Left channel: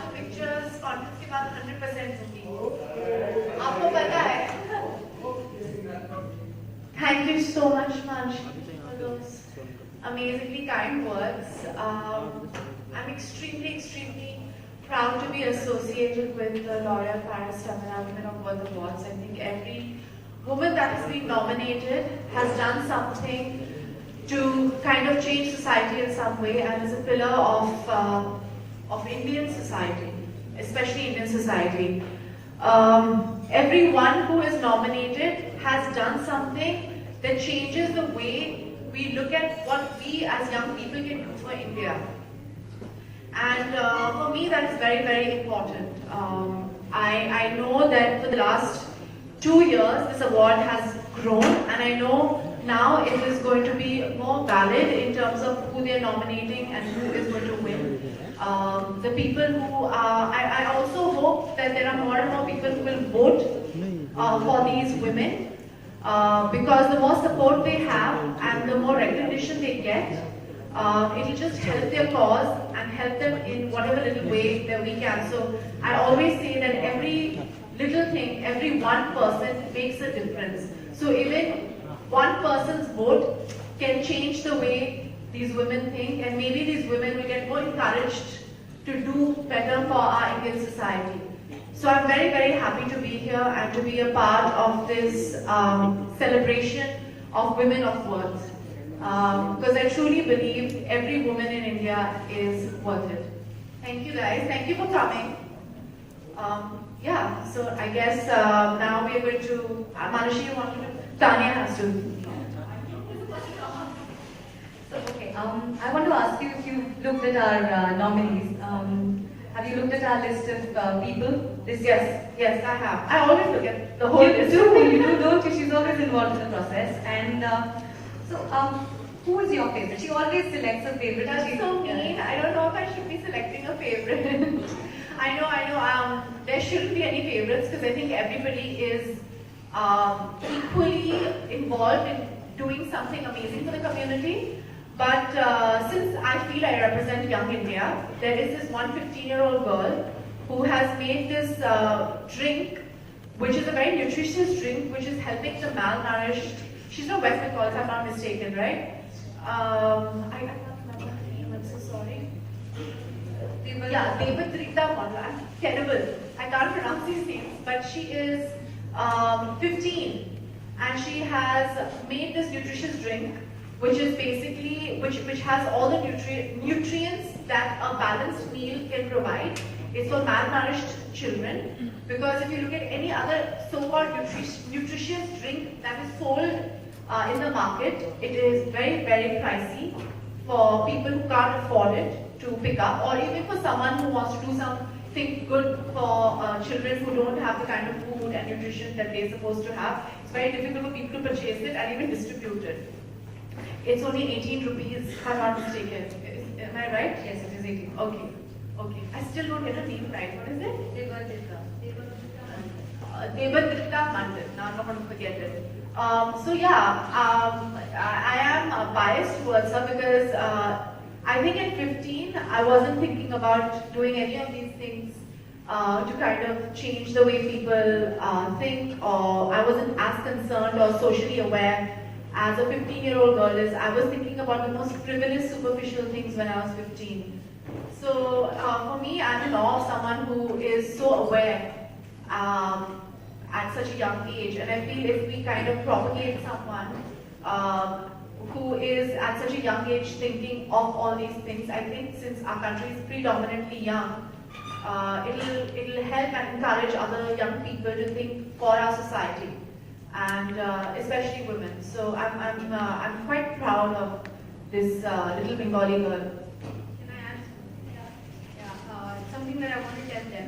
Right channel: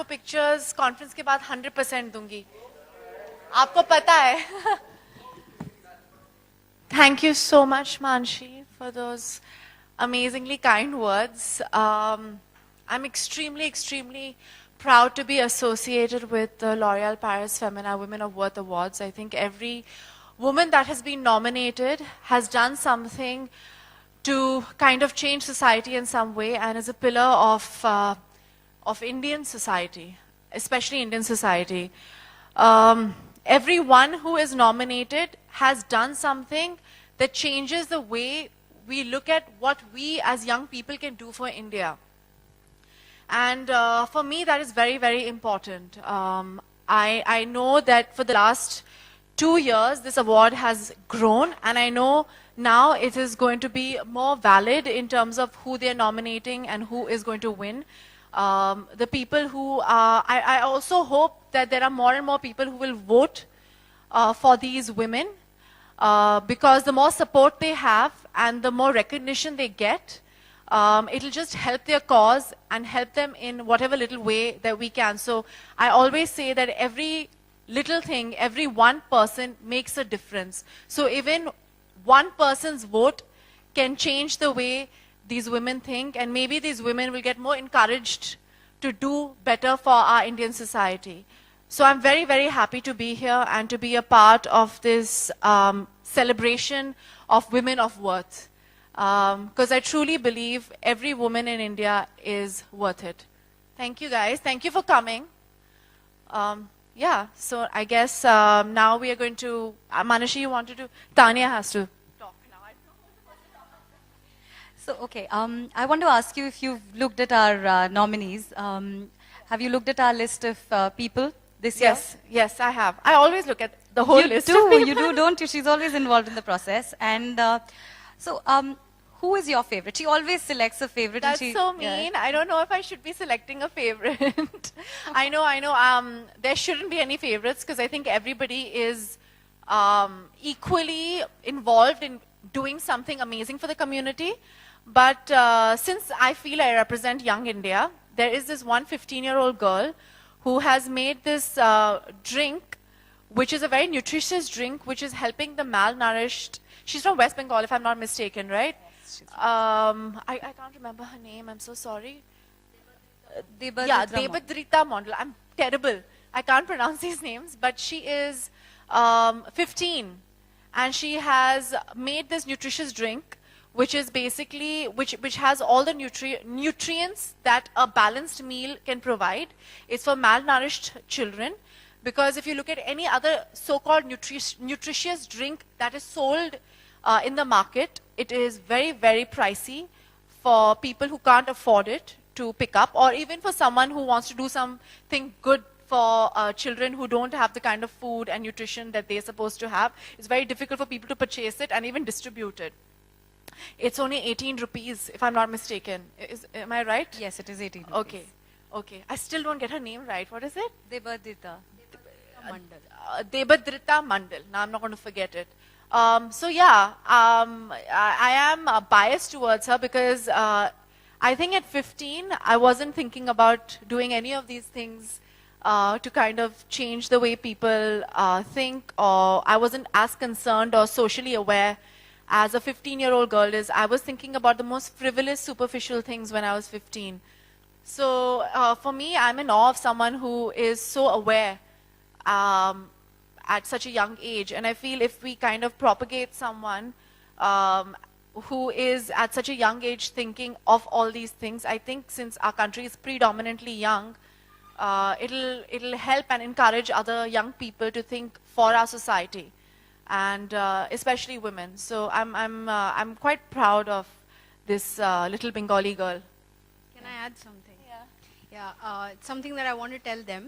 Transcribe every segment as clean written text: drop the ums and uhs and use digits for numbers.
आपको pictures conference के बाद 100% दूंगी. आपको पता है. Thank you so much, Manshi, for those amazingly kind words. I'm extremely proud to be associated with the L'Oréal Paris Femina Women of Worth Awards. I think every woman that has been nominated has done something to kind of change society in some way and is a pillar of Indian society, especially Indian society. Everyone who is nominated has done something that changes the way we look at what we as young people can do for India. And for me, that is very important. I know that for the last 2 years, this award has grown, and I know now it is going to be more valid in terms of who they're nominating and who is going to win. The people who I also hope that there are more and more people who will vote for these women because the more support they have and the more recognition they get, it'll just help their cause and help them in whatever little way that we can. So I always say that every little thing, every one person makes a difference. So even one person's vote can change the way these women think, and maybe these women will get more encouraged to do better for our Indian society. So I'm very happy to be here and to be a part of this celebration of women of worth. Because I truly believe every woman in India is worth it. Thank you guys. Thank you for coming. Yeah, so I guess now we are going to, Manashi, you want to do? Tanya has to. So, okay, I want to ask you if you've looked at our nominees. Have you looked at our list of people this year? Yes, I have. I always look at the whole list. You do, don't you? She's always involved in the process. And who is your favorite? She always selects a favorite. That's so mean. I don't know if I should be selecting a favorite. I know. There shouldn't be any favorites because I think everybody is equally involved in doing something amazing for the community. But since I feel I represent Young India, there is this one 15-year-old girl who has made this drink, which is a very nutritious drink, which is helping the malnourished. She's from West Bengal, if I'm not mistaken, right? I can't remember her name, I'm so sorry. Debatrita Mondal. I'm terrible. I can't pronounce these names, but she is 15 and she has made this nutritious drink which is basically, which has all the nutrients that a balanced meal can provide. It's for malnourished children, because if you look at any other so-called nutritious drink that is sold in the market, it is very pricey for people who can't afford it to pick up, or even for someone who wants to do something good for children who don't have the kind of food and nutrition that they're supposed to have. It's very difficult for people to purchase it and even distribute it. It's only 18 rupees, if I'm not mistaken. Am I right? Yes, it is 18. Okay. I still don't get her name right. What is it? Debatrita. Debatrita Mandal. Now I'm not going to forget it. So yeah, I am biased towards her because I think at 15, I wasn't thinking about doing any of these things to kind of change the way people think, or I wasn't as concerned or socially aware as a 15-year-old girl is. I was thinking about the most frivolous, superficial things when I was 15. So for me, I'm in awe of someone who is so aware at such a young age. And I feel if we kind of propagate someone who is at such a young age thinking of all these things, I think since our country is predominantly young, it'll help and encourage other young people to think for our society, and especially women. So I'm quite proud of this little Bengali girl. Can I add something? Yeah. Something that I want to tell them,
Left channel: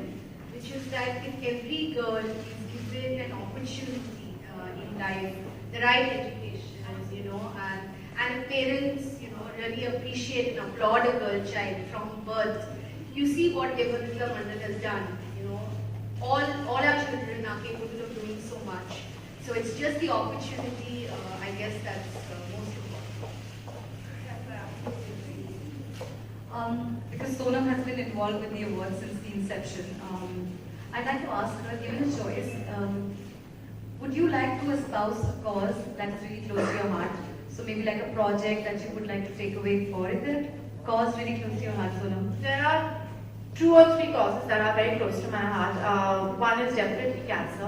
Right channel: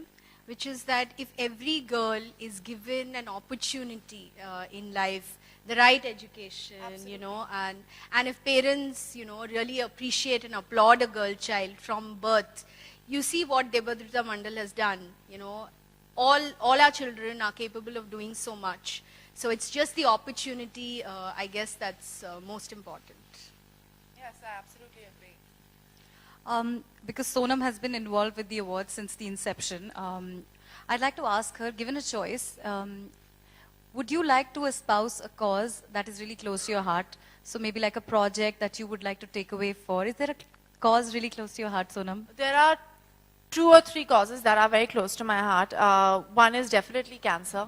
which is that if every girl is given an opportunity in life, the right education, and if parents, really appreciate and applaud a girl child from birth, you see what Debatrita Mandal has done. All our children are capable of doing so much. So it's just the opportunity, I guess that's most important. Because Sonam has been involved with the awards since the inception, I'd like to ask her, given a choice, would you like to espouse a cause that is really close to your heart? So maybe like a project that you would like to take away for. Is there a cause really close to your heart, Sonam? There are 2 or 3 causes that are very close to my heart. One is definitely cancer.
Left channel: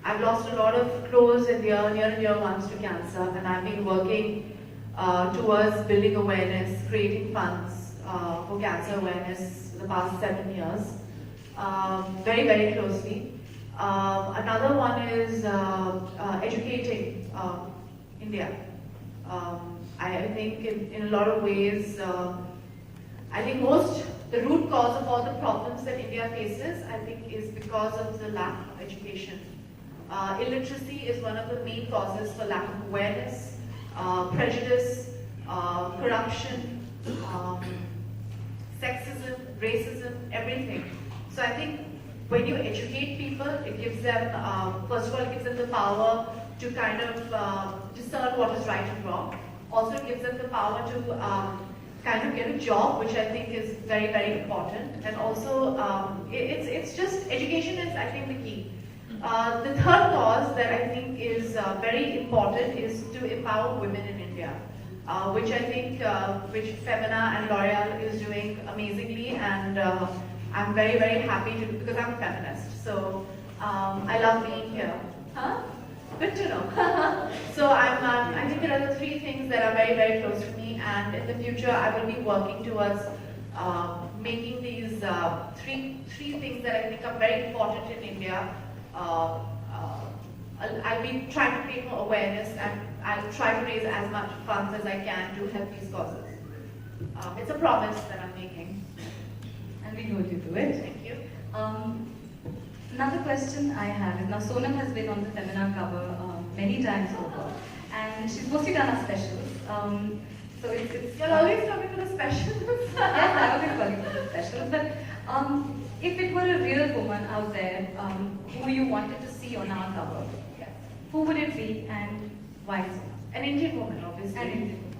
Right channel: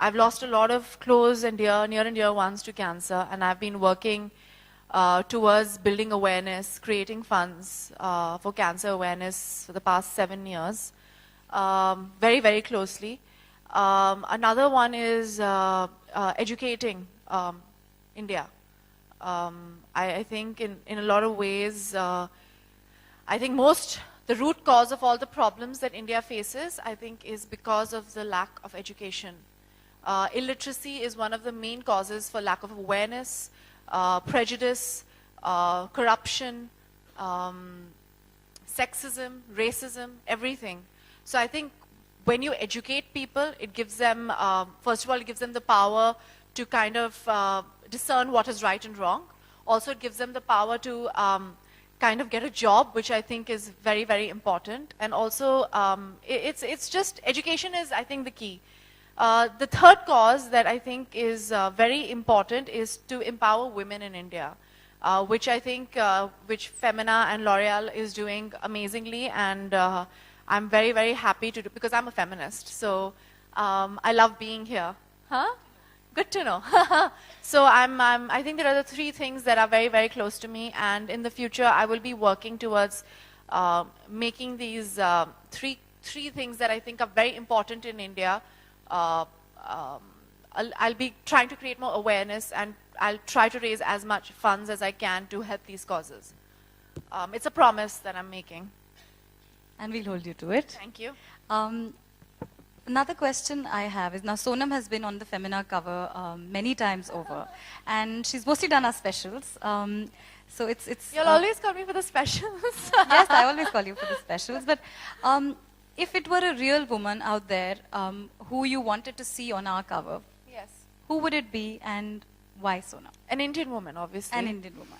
I've lost a lot of close and near and dear ones to cancer, and I've been working towards building awareness, creating funds for cancer awareness for the past 7 years, very, very closely. Another one is educating India. I think in a lot of ways, I think the root cause of all the problems that India faces, I think, is because of the lack of education. Illiteracy is one of the main causes for lack of awareness, prejudice, corruption, sexism, racism, everything. So I think when you educate people, it gives them, first of all, it gives them the power to kind of discern what is right and wrong. Also, it gives them the power to kind of get a job, which I think is very, very important. And also, it's just, education is, I think, the key. The third cause that I think is very important is to empower women in India, which I think, which Femina and L'Oreal is doing amazingly, and I'm very, very happy to, because I'm a feminist, so I love being here. Huh? Good to know. So I think there are the 3 things that are very, very close to me, and in the future I will be working towards making these 3 things that I think are very important in India. I'll be trying to create more awareness, and I'll try to raise as much funds as I can to help these causes. It's a promise that I'm making. And we'll hold you to it. Thank you. Another question I have is, now Sonam has been on the Femina cover many times over, and she's mostly done our specials. So it's You'll always call me for the specials. Yes, I always call you for the specials. But if it were a real woman out there who you wanted to see on our cover, Yes. who would it be and why Sonam? An Indian woman, obviously. An Indian woman.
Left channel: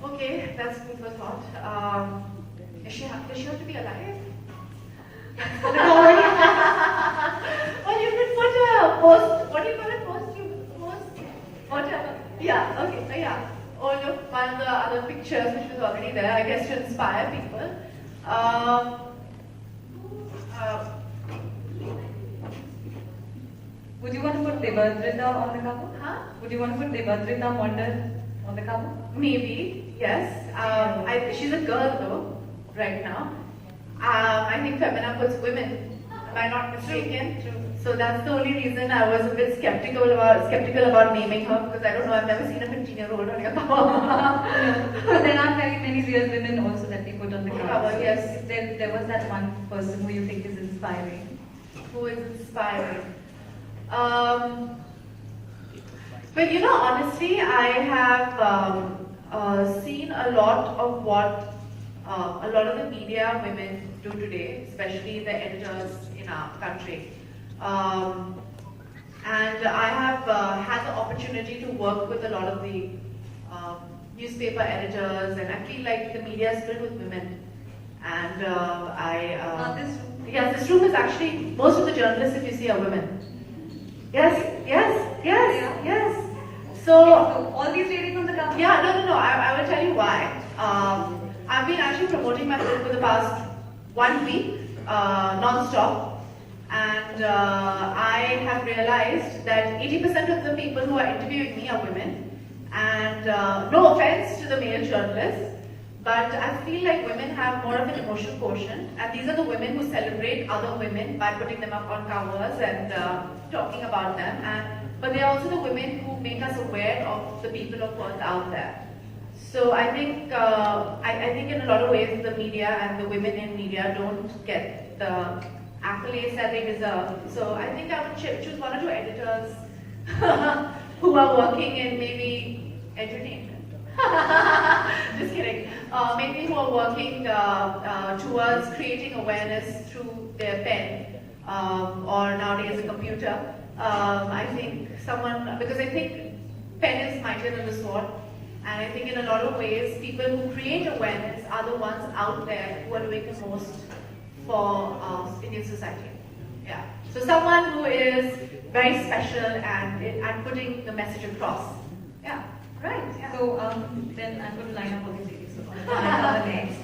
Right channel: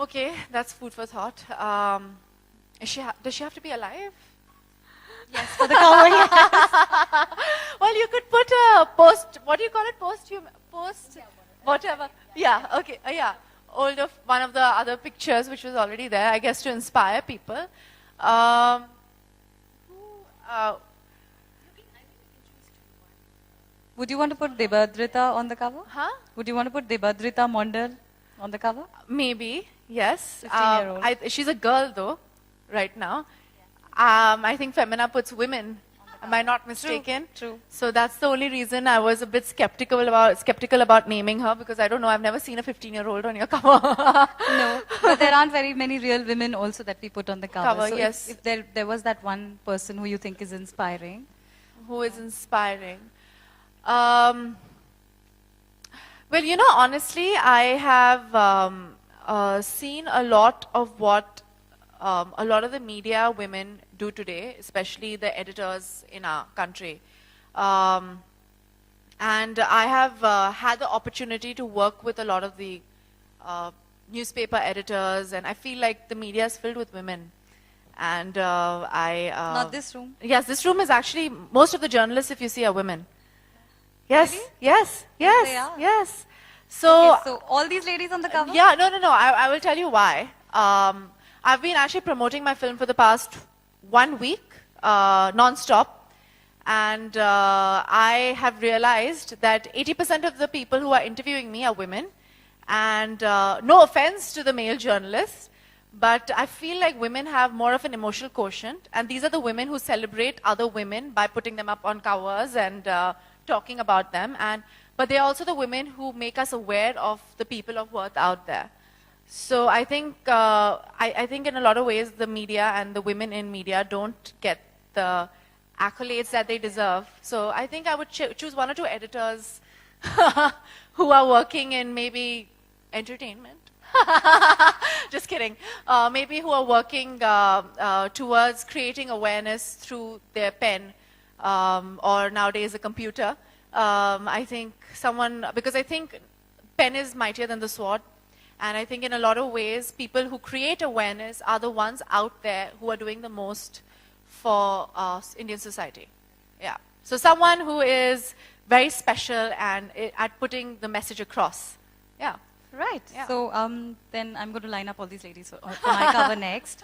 Okay, that's food for thought. Does she have to be alive? Yes, for the cover. Well, you could put a post. What do you call it? Post. Whatever. Yeah. Okay. Yeah. Or one of the other pictures which was already there, I guess, to inspire people. Would you want to put Devadrita on the cover? Huh? Would you want to put Devadrita Mondal on the cover? Maybe. Yes. 15-year-old. She's a girl though, right now. I think Femina puts women. Am I not mistaken? True. So that's the only reason I was a bit skeptical about naming her, because I don't know, I've never seen a 15-year-old on your cover. No, but there aren't very many real women also that we put on the cover. So yes. if there was that one person who you think is inspiring. Who is inspiring? Well, you know, honestly, I have seen a lot of what a lot of the media women do today, especially the editors in our country. And I have had the opportunity to work with a lot of the newspaper editors, and I feel like the media is filled with women. And Not this room. Yes, this room is actually, most of the journalists, if you see, are women. Yes, yes, yes, Yeah. yes. So all these ladies on the cover? Yeah, no. I will tell you why. I've been actually promoting my film for the past 1 week, non-stop, and I have realized that 80% of the people who are interviewing me are women. And no offense to the male journalists, but I feel like women have more of an emotional quotient, and these are the women who celebrate other women by putting them up on covers and talking about them. But they are also the women who make us aware of the people of worth out there. So I think I think in a lot of ways the media and the women in media don't get the accolades that they deserve. So I think I would choose 1 or 2 editors who are working in maybe entertainment. Just kidding. Maybe who are working towards creating awareness through their pen or nowadays a computer. I think someone, because I think pen is mightier than the sword. And I think in a lot of ways, people who create awareness are the ones out there who are doing the most for Indian society. Yeah. So someone who is very special and at putting the message across. Yeah. Right. Yeah. So then I'm going to line up all these ladies. So I'll line up next.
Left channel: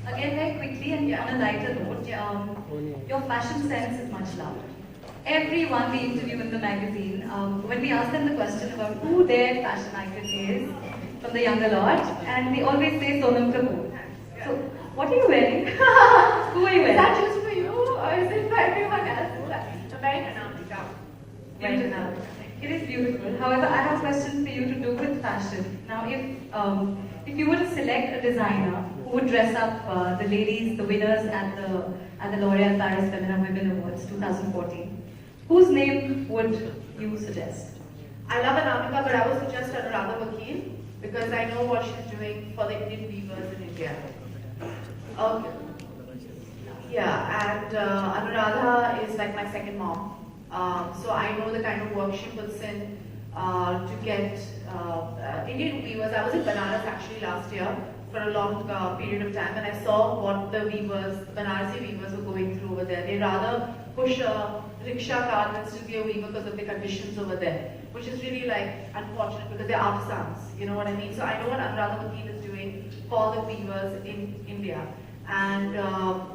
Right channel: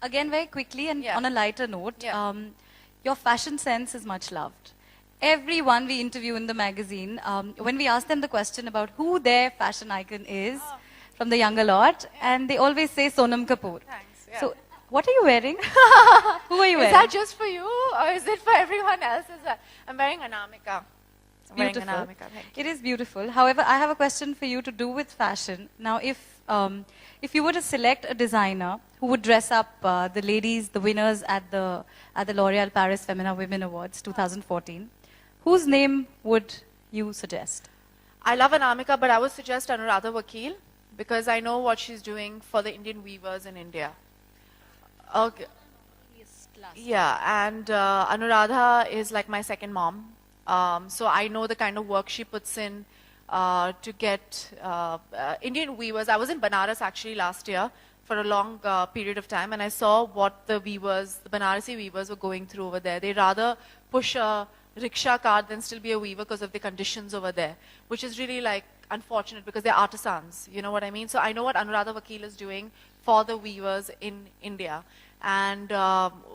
Again, very quickly and Yeah. on a lighter note, Yeah. your fashion sense is much loved. Everyone we interview in the magazine, when we ask them the question about who their fashion icon is from the younger lot, and they always say Sonam Kapoor. Thanks. Yeah. So, what are you wearing? Who are you Is wearing? that just for you or is it for everyone else? I'm wearing Anamika. Wearing Beautiful. Anamika. It is beautiful. However, I have a question for you to do with fashion. Now, if you were to select a designer who would dress up the ladies, the winners at the L'Oréal Paris Femina Women Awards 2014, whose name would you suggest? I love Anamika, but I would suggest Anuradha Vakil because I know what she's doing for the Indian weavers in India. Okay. Yeah, and Anuradha is like my second mom. So I know the kind of work she puts in to get Indian weavers. I was in Banaras actually last year for a long period of time, and I saw what the weavers, the Banarasi weavers, were going through over there. They rather push a rickshaw cart than still be a weaver because of the conditions over there, which is really like unfortunate because they're artisans. You know what I mean? So I know what Anuradha Vakil is doing for the weavers in India. And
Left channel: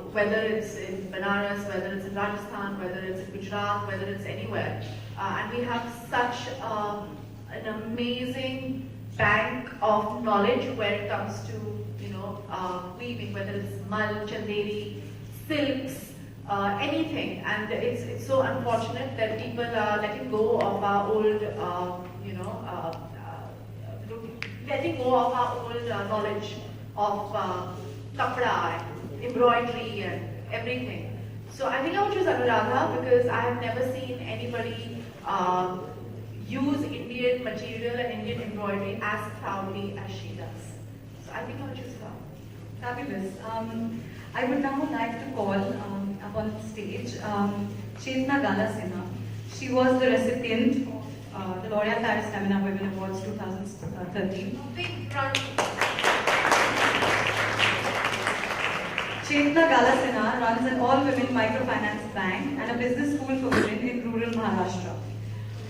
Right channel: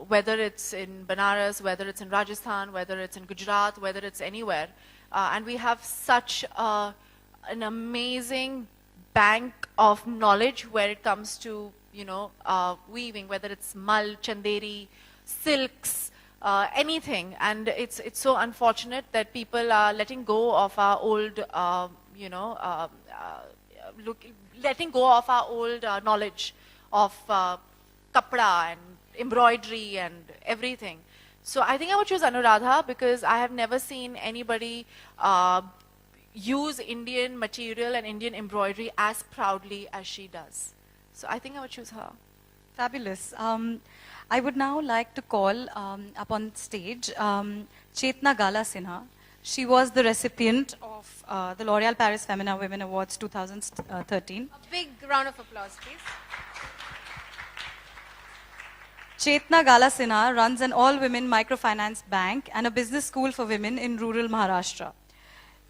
whether it's in Banaras, whether it's in Rajasthan, whether it's in Gujarat, whether it's anywhere. And we have such an amazing bank of knowledge where it comes to, you know, weaving, whether it's mal, chanderi, silks, anything. And it's so unfortunate that people are letting go of our old, letting go of our old knowledge of kapda and embroidery and everything. So I think I would choose Anuradha because I have never seen anybody use Indian material and Indian embroidery as proudly as she does. So I think I would choose her. Fabulous. I would now like to call up on stage Chetna Gala Sinha. She was the recipient of the L'Oréal Paris Femina Women Awards 2013. Big round of applause. Chetna Gala Sinha runs an all-women microfinance bank and a business school for women in rural Maharashtra.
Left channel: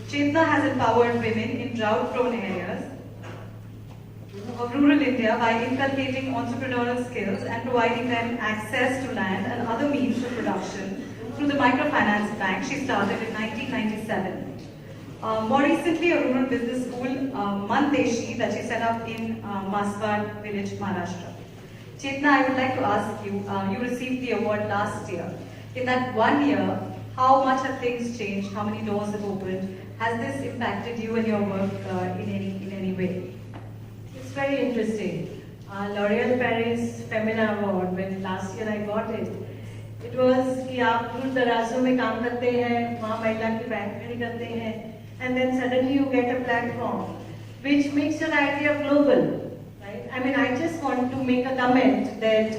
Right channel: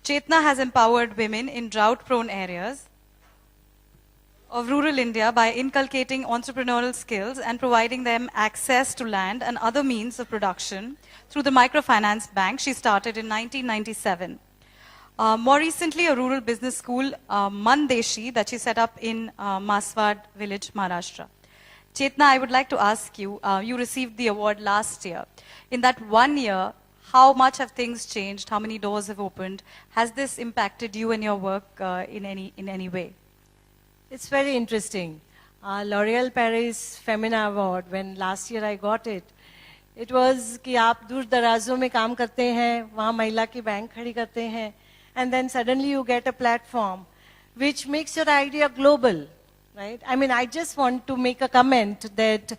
Chetna has empowered women in drought-prone areas of rural India by inculcating entrepreneurial skills and providing them access to land and other means of production through the microfinance bank she started in 1997. More recently, a rural business school, Mandeshi, that she set up in Maswad village, Maharashtra. Chetna, I would like to ask you, you received the award last year. In that 1 year, how much have things changed? How many doors have opened? Has this impacted you and your work in any way? It's very interesting. L'Oréal Paris Femina Award, when last year I got it, it was कि आप दूर दराजों में काम करते हैं, वहाँ महिला की बैंक खड़ी करते हैं, and then suddenly you get a platform which makes your idea global. Right? I mean, I just want to make a comment that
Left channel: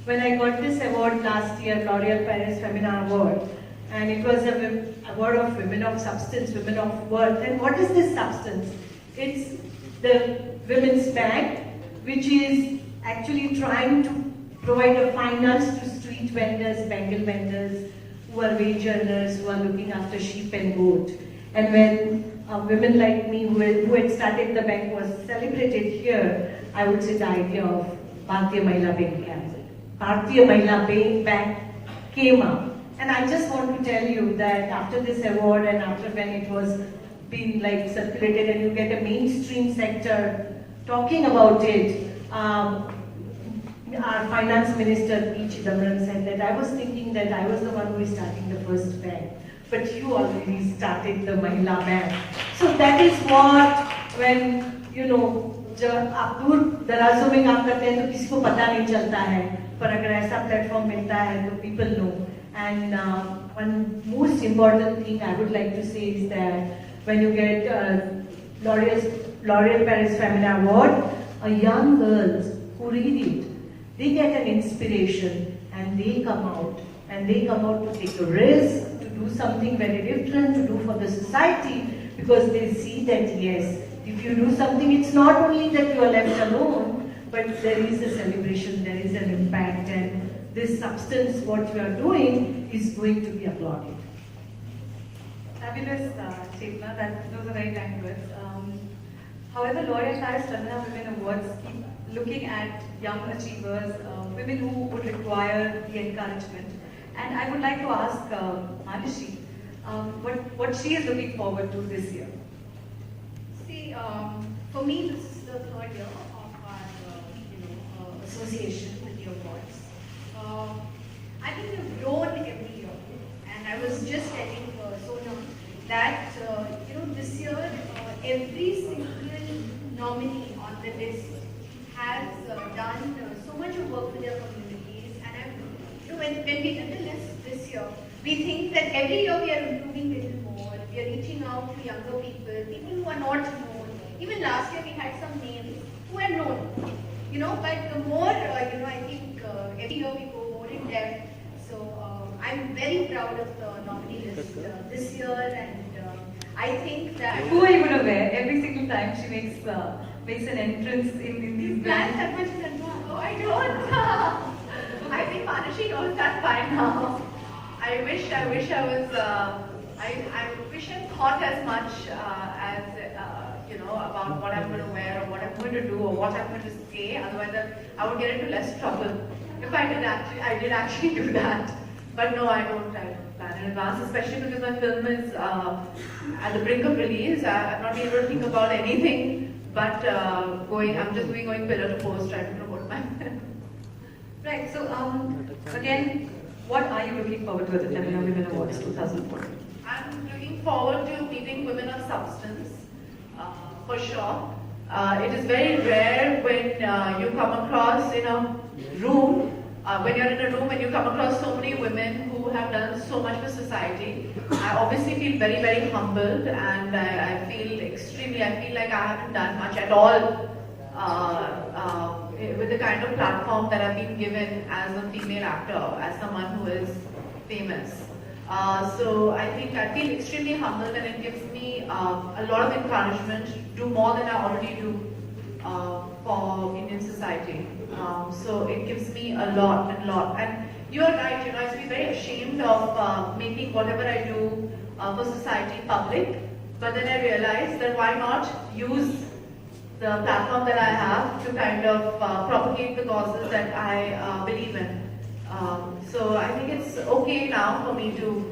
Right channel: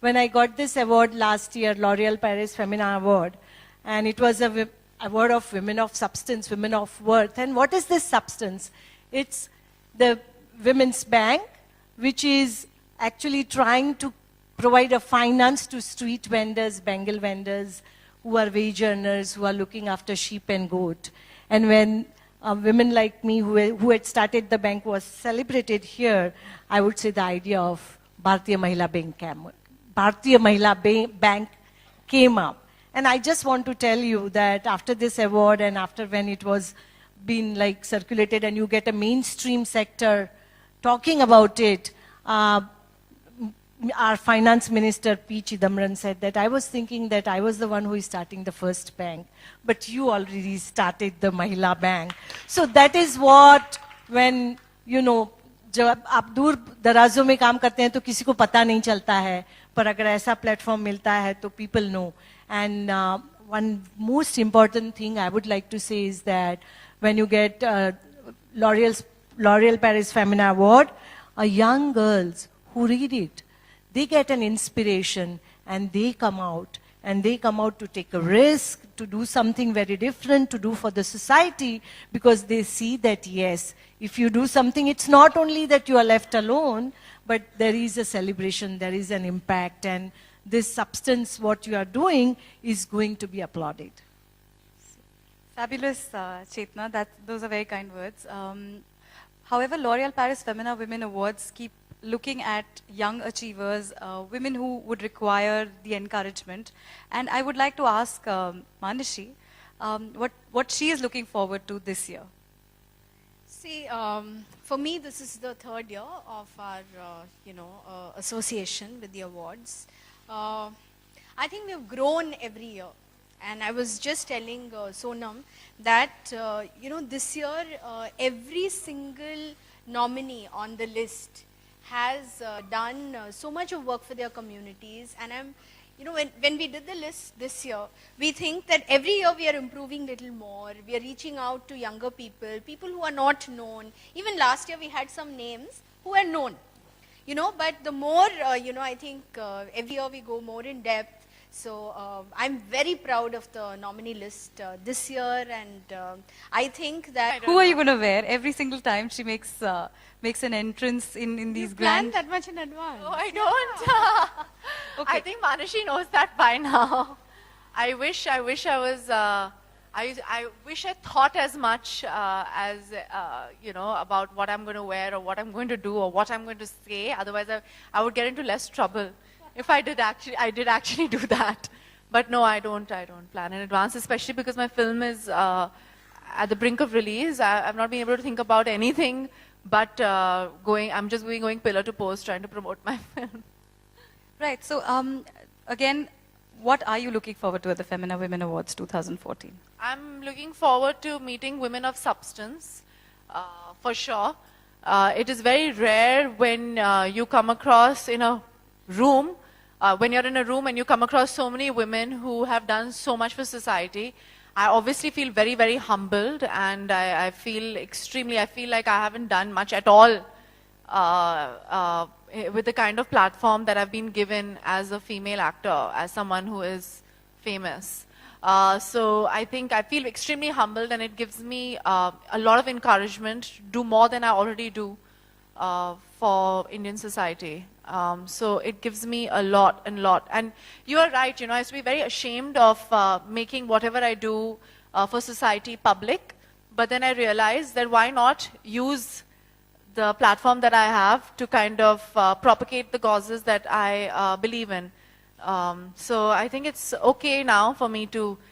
when I got this award last year, L'Oréal Paris Femina Award, and it was a award of women of substance, women of worth. And what is this substance? It's the Women's Bank, which is actually trying to provide a finance to street vendors, Bengal vendors, who are wage earners, who are looking after sheep and goat. And when women like me who had started the bank was celebrated here, I would say the idea of Bharatiya Mahila Bank came up. And I just want to tell you that after this award and after when it was being like circulated and you get a mainstream sector talking about it, our finance minister P. Chidambaram said that I was thinking that I was the one who is starting the first bank. But you already started the Mahila Bank. So that is what, when, you know, जब आप दूर दराजों में काम करते हैं तो किसी को पता नहीं चलता है, पर अगर ऐसा प्लेटफॉर्म मिलता है तो people know. And one most important thing I would like to say is that when you get L'Oréal Paris Femina Award, young girls who read it, they get an inspiration and they come out. And they come out to take a risk, to do something very different, to do for the society, because they see that yes, if you do something, it's not only that you are left alone, but there is a celebration, there is an impact, and this substance, what you are doing, is going to be applauded. Fabulous, Chetna. Those are very kind words. However, L'Oréal Paris Femina Women Awards keep looking at young achievers, women who would require the encouragement. And I would like to ask Manishi what she is looking forward to this year. See, for me, this is the third year of our, association with the awards. I think we've grown every year, and I was just telling Sonam that this year every single nominee on the list has done so much of work for their communities, and when we did the list this year, we think that every year we are improving a little more. We are reaching out to younger people who are not known. Even last year we had some names who are known, but the more, I think every year we go more in depth. So I'm very proud of the nominee list this year, and I think that... Who are you going to wear every single time she makes an entrance in these Plan grand... that much in advance? No, I don't. I think Manishi knows that by now. I wish I was. I wish I thought as much as about what I'm going to wear or what I'm going to do or what I'm going to say. Otherwise, I would get into less trouble if I did actually do that. But no, I don't plan in advance, especially because my film is at the brink of release. I've not been able to think about anything but I'm just going pillar to post trying to promote my film. Right, so again, what are you looking forward to at the Femina Women Awards 2014? I'm looking forward to meeting women of substance, for sure. It is very rare when you come across in a room, when you're in a room and you come across so many women who have done so much for society. I obviously feel very, very humbled, and I feel like I haven't done much at all with the kind of platform that I've been given as a female actor, as someone who is famous. So I think I feel extremely humbled, and it gives me a lot of encouragement to do more than I already do for Indian society. So it gives me a lot. And you are right, I used to be very ashamed of making whatever I do for society public, but then I realized that why not use the platform that I have to kind of propagate the causes that I believe in. So I think it's okay now for me to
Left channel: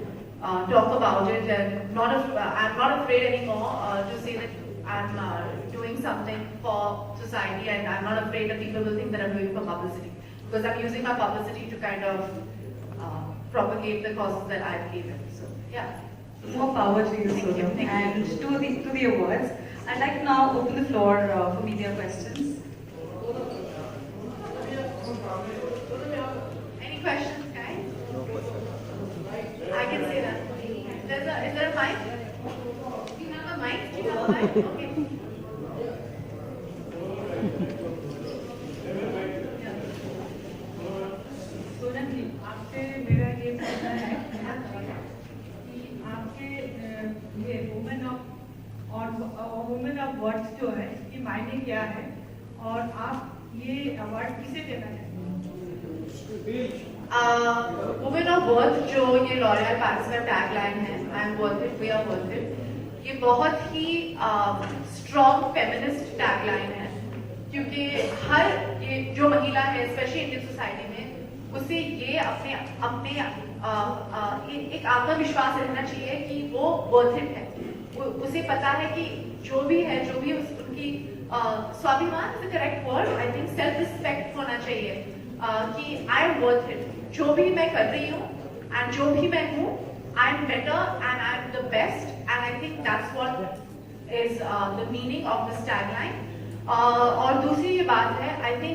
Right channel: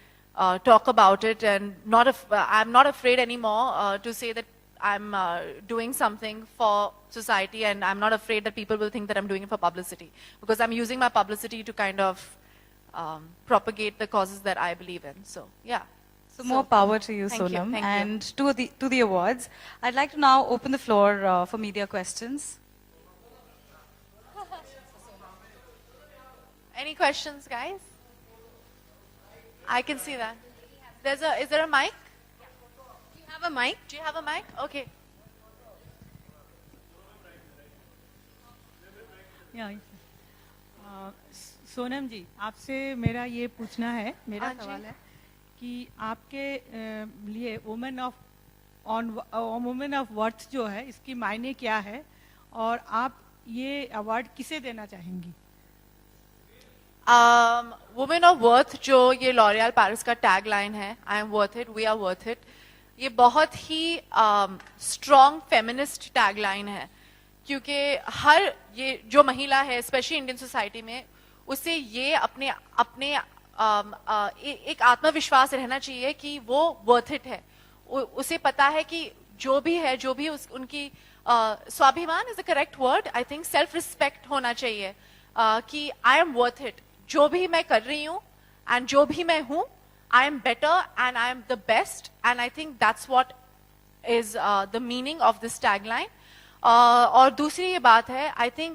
talk about it, and I'm not afraid anymore to say that I'm doing something for society, and I'm not afraid that people will think that I'm doing it for publicity, because I'm using my publicity to kind of propagate the causes that I believe in. So yeah. So more power to you, Thank you, Sonam. thank And to the awards, I'd like to now open the floor for media questions. Any questions, guys? I can see that. Is there a mic? Do you have a mic? Do you have a mic? Okay. Sonam जी, आपसे मेरा ये पूछना है कि आपके लिए women of words जो है, इसकी मायने क्या है और आप ये अवार्ड किसे देना चाहेंगे? वुमेन ऑफ वर्थ, जो ये लॉरियल पेरिस का टैग लाइन है, I am worth it, we are worth it, ये बहुत ही स्ट्रॉन्ग फेमिनिस्ट टैग लाइन है, क्योंकि ये जो महिला है, स्पेशली इंडियन सोसाइटी में, उसे ये अपने एक आत्मविश्वास रहना चाहिए कि वो वर्थ इट है. उसे पता है कि जो भी उनकी स्वाभिमान is the correct word, I think self respect होना चाहिए, कि आई एम वर्थ इट, जो भी मैं कर रही हूँ एंड जो भी मैं हूँ, I am better and I am the best, and I think that's what is the meaning of this tagline. और दूसरी ये बात है, आई थिंक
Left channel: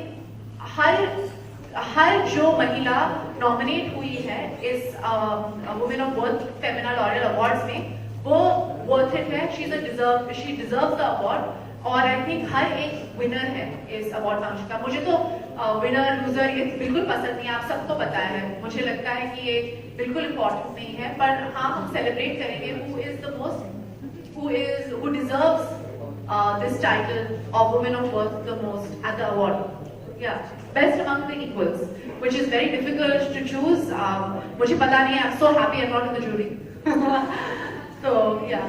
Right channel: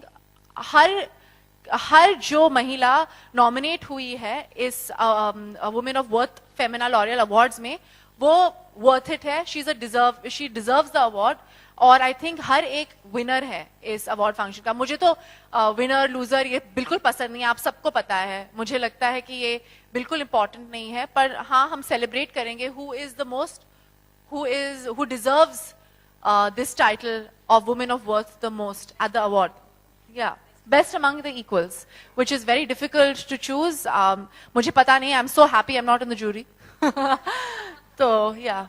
हर जो महिला नॉमिनेट हुई है इस women of worth Femina L'Oréal awards में, वो वर्थ इट है, शी डिजर्व्स द अवार्ड. और आई थिंक हर एक विनर है इस अवार्ड फंक्शन का. मुझे तो विनर लूजर ये बिल्कुल पसंद नहीं है, आप सबको पता है. मुझे लगता है कि ये बिल्कुल इम्पॉर्टेंट नहीं है, पर हाँ, हम सेलिब्रेट करेंगे who deserves this title of Woman of Worth the most at the award. Yeah, best among the equals, which is very difficult to choose. मुझे पता नहीं, I'm so happy I'm not in the jury. So yeah.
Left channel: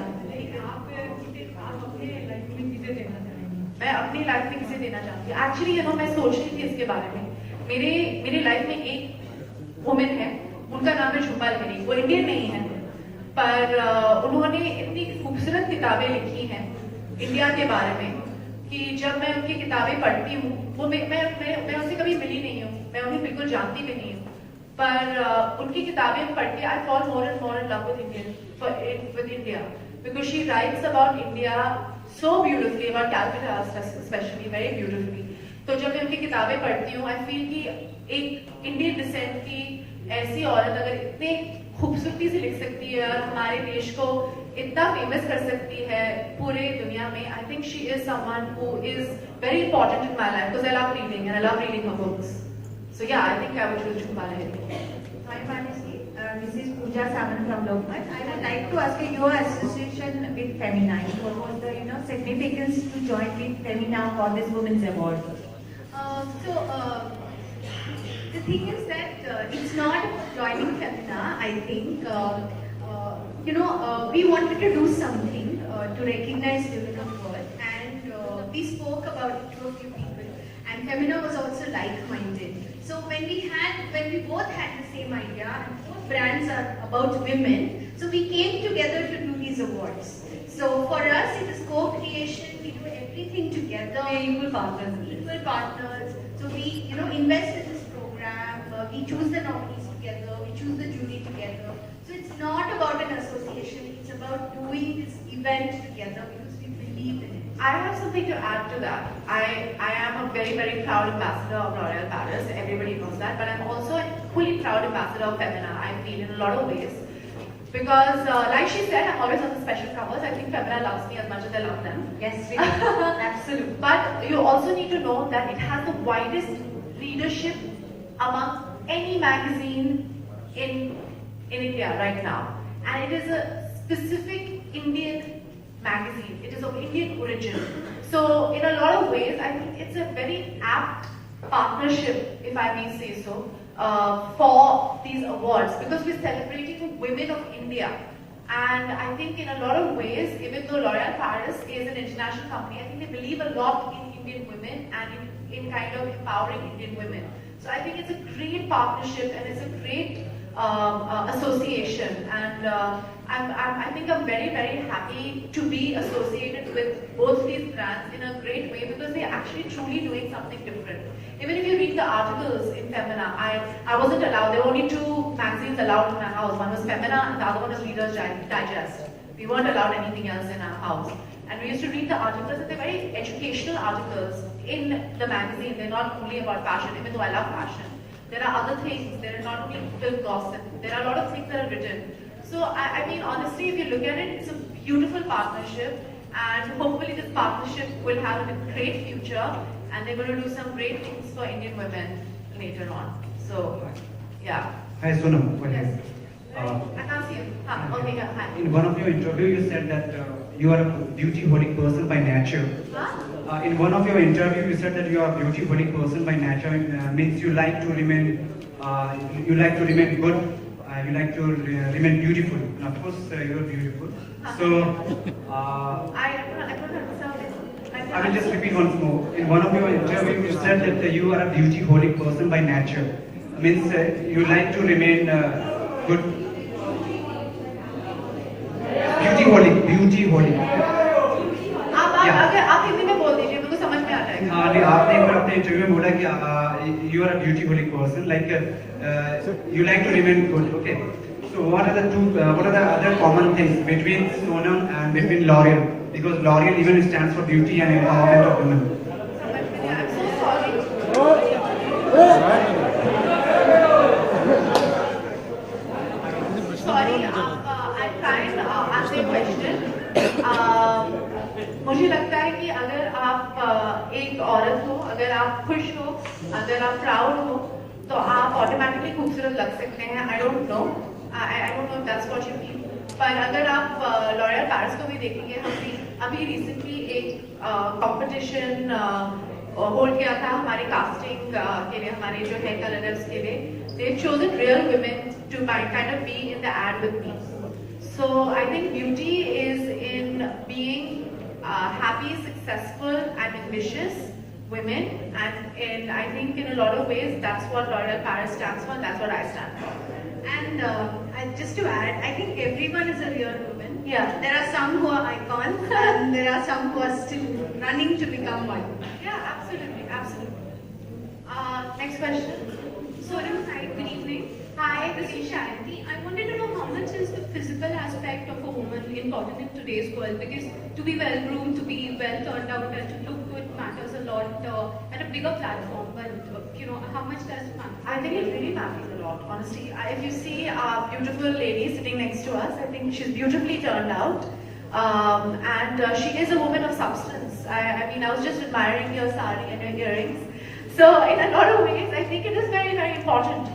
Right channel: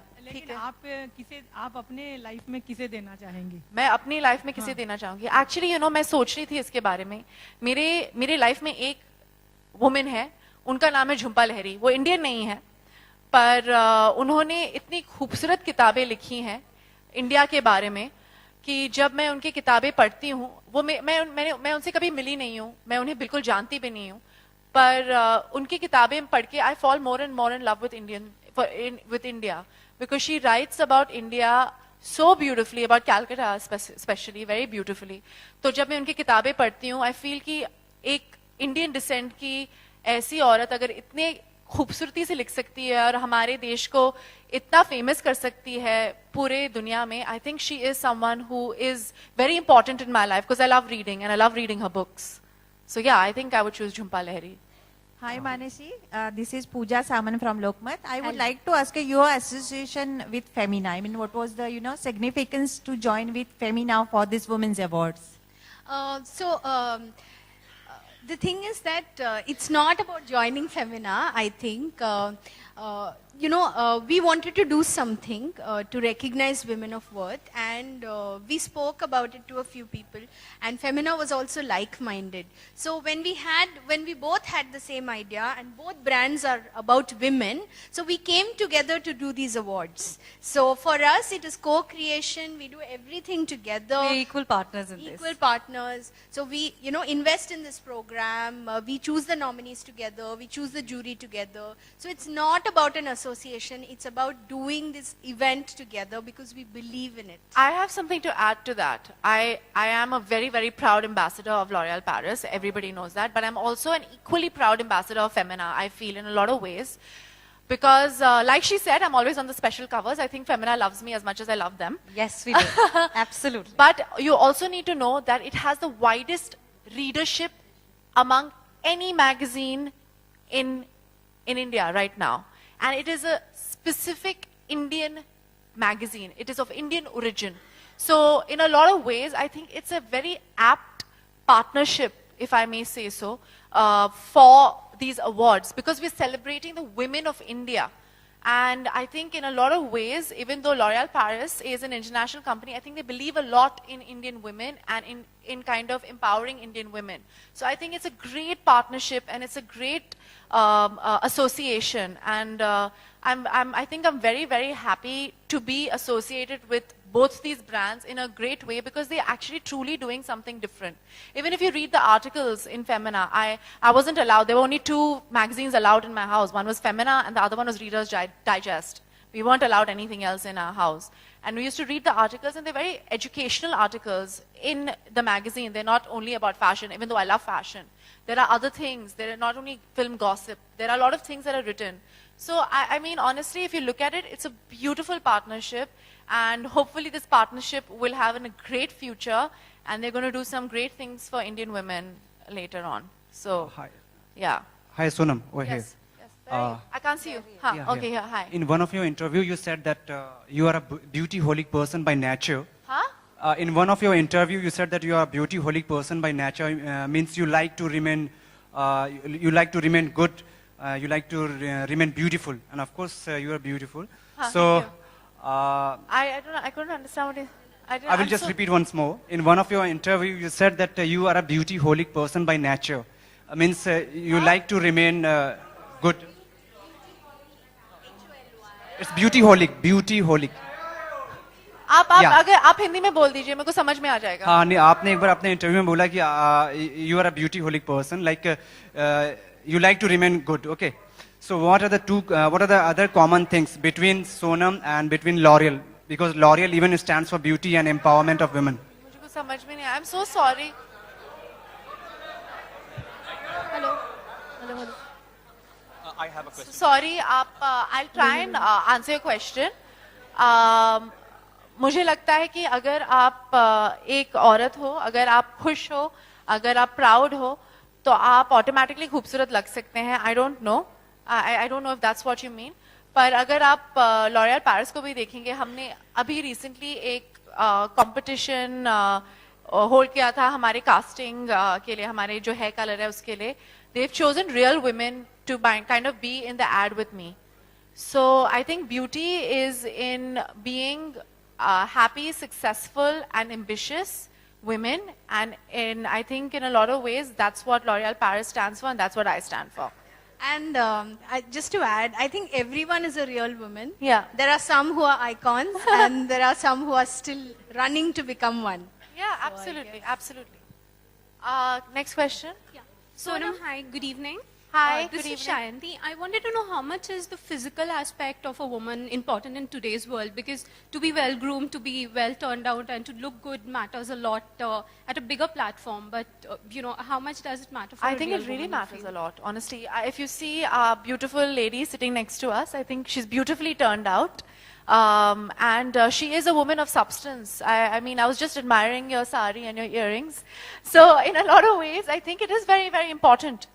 आप अपने life में किसे देना चाहेंगी? मैं अपनी लाइफ में किसे देना चाहूँगी? एक्चुअली मैं सोच रही थी इसके बारे में. मेरे लाइफ में एक वुमेन है, उनका नाम है झुम्पा लाहिरी. वो इंडियन नहीं है, पर उन्होंने इतनी खूबसूरत किताबें लिखी हैं इंडिया के बारे में कि जब मैं उनकी किताबें पढ़ती हूँ, वो मैं उनसे कभी मिली नहीं हूँ, मैं उन्हें बिल्कुल जानती भी नहीं हूँ, पर उनकी किताबें पढ़ के I fall more and love with India, because she writes about India so beautifully, about Calcutta especially, very beautifully. तो जब मैं उनकी किताबें पढ़ती हूँ, आई फील कि एक इंडियन डिसेंट की ऐसी औरत अगर इतने खूबसूरती से लिख सकती है और हमारे देश को इतना फेमस कर सकती है पूरे दुनिया में, I think she is someone who is very important in my life, because I love reading and I love reading her books. So yeah, I think I would choose Jhumpa Lahiri. Hi Manasi, this is Pooja Saman from Lokmat. I would like to ask you your association with Femina. What was the significance to join with Femina for this Women's Awards? The thing is that it's not about joining Femina. I think we wanted to do something to recognize women of worth, and we spoke about it to a few people. And Femina was also like-minded. So when we both had the same idea, and both brands are about women, so we came together to do these awards. So for us, it is co-creation. We do everything together. We're equal partners in this. Equal partners. So we, invest in this program. We choose the nominees together. We choose the jury together. So it's not about an association. It's about doing this event together because we believe in it. I have something to add to that. I am a very, very proud ambassador of L'Oréal Paris. Everybody knows that. But I'm also an equally proud ambassador of Femina, I feel, in a lot of ways. Because, like she said, I'm always on the special covers. I think Femina loves me as much as I love them. Yes, we do. Absolutely. But you also need to know that it has the widest readership among any magazine in India right now. And it is a specific Indian magazine. It is of Indian origin. So in a lot of ways, I think it's a very apt partnership, if I may say so, for these awards, because we're celebrating the women of India. And I think in a lot of ways, even though L'Oréal Paris is an international company, I think they believe a lot in Indian women and in kind of empowering Indian women. So I think it's a great partnership and it's a great association, and I think I'm very, very happy to be associated with both these brands in a great way, because they're actually truly doing something different. Even if you read the articles in Femina, I wasn't allowed. There were only 2 magazines allowed in my house. One was Femina and the other one was Reader's Digest. We weren't allowed anything else in our house. And we used to read the articles, and they're very educational articles in the magazine. They're not only about fashion, even though I love fashion. There are other things. There are not only film gossip. There are a lot of things that are written. So, I mean, honestly, if you look at it, it's a beautiful partnership. And hopefully this partnership will have a great future. And they're going to do some great things for Indian women later on. So, yeah. Hi, Sonam. Go ahead. Yes. I can't see you. Okay, yeah, hi. In one of your interview, you said that you are a beauty-holic person by nature. Huh? In one of your interview, you said that you are a beauty-holic person by nature. Means you like to remain, good. You like to remain beautiful, and of course, you are beautiful. So, I don't understand it. I will just repeat once more. In one of your interview, you said that you are a beauty-holic person by nature. Means you like to remain good. It's beauty-holic. अगर आप हिंदी में बोल दीजिए, मेरे को समझ में आ जाएगा. नहीं, आपने एक बार अपने इंटरव्यू में बोला कि you are a beauty-holic person, like you like to remain good. Okay. So what are the other common things between Sonam and between L'Oréal? Because L'Oréal even stands for beauty and empowerment of women. समझ में नहीं. I'm so sorry. Sorry, I'm trying to answer your question. मुझे लगता है कि अगर आप एक औरत हो, अगर आप खुश हो, अगर आप प्राउड हो, तो आप ऑटोमेटिकली खूबसूरत लग सकते हैं. I don't know if that's what you mean. पर अगर आप लॉरियल पैरिस को भी देखेंगे, हमने अभी रिसेंटली एक कंपटीशन होल्ड किया था हमारे कास्टिंग के लिए, हमारे जो हेयर कलर है उसके लिए. They've chosen real women to kind of be in the ad with me. So I think beauty is in being happy, successful, and ambitious women, and I think in a lot of ways that's what L'Oréal Paris stands for, and that's what I stand for. And just to add, I think everyone is a real woman. Yeah. There are some who are icons and there are some who are still running to become one. Yeah, absolutely, absolutely. Next question. Sonam, hi, good evening. Hi, This good is evening. Shayanti. I wanted to know how much is the physical aspect of a woman important in today's world, because to be well groomed, to be well turned out and to look good matters a lot at a bigger platform, but how much does it matter? I think it really matters a lot, honestly. If you see our beautiful lady sitting next to us, I think she's beautifully turned out. And she is a woman of substance. I mean, I was just admiring your sari and your earrings. So in a lot of ways, I think it is very, very important.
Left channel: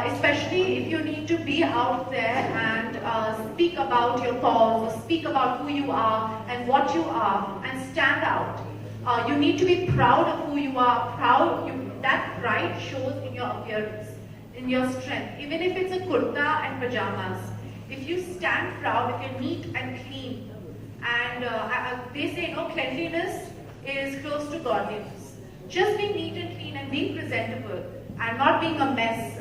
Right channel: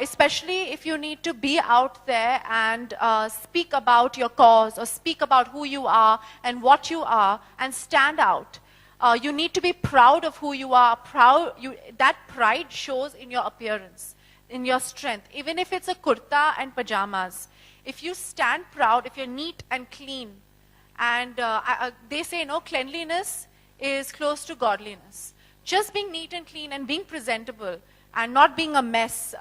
Especially if you need to be out there and speak about your cause or speak about who you are and what you are and stand out. You need to be proud of who you are. That pride shows in your appearance, in your strength. Even if it's a kurta and pajamas, if you stand proud, if you're neat and clean, and they say cleanliness is close to godliness. Just being neat and clean and being presentable and not being a mess